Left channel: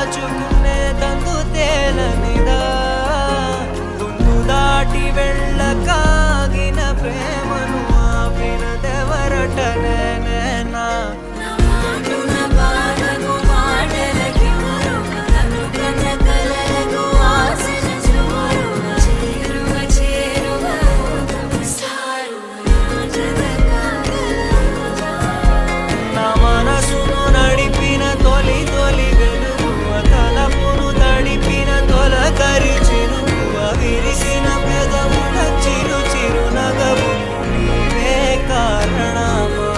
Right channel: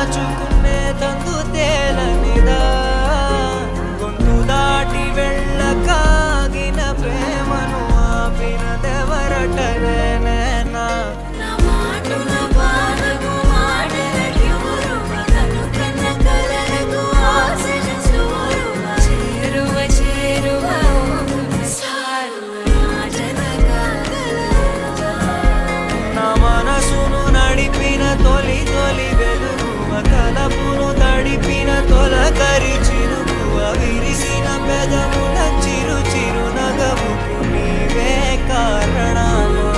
దాచుకునే తందు తేలనిదా గొంతు దాటి వెళ్ళకాగిన ప్రేమను ఆపినదెవరట నేనేనా మనసును నడిపిన తొలి తొలి వెలుగువ తలపును తడిపిన తొలకరి చిరుకువ విరిసిన పెదముల చిరు చిరు నగవుకు నీవే కారణమా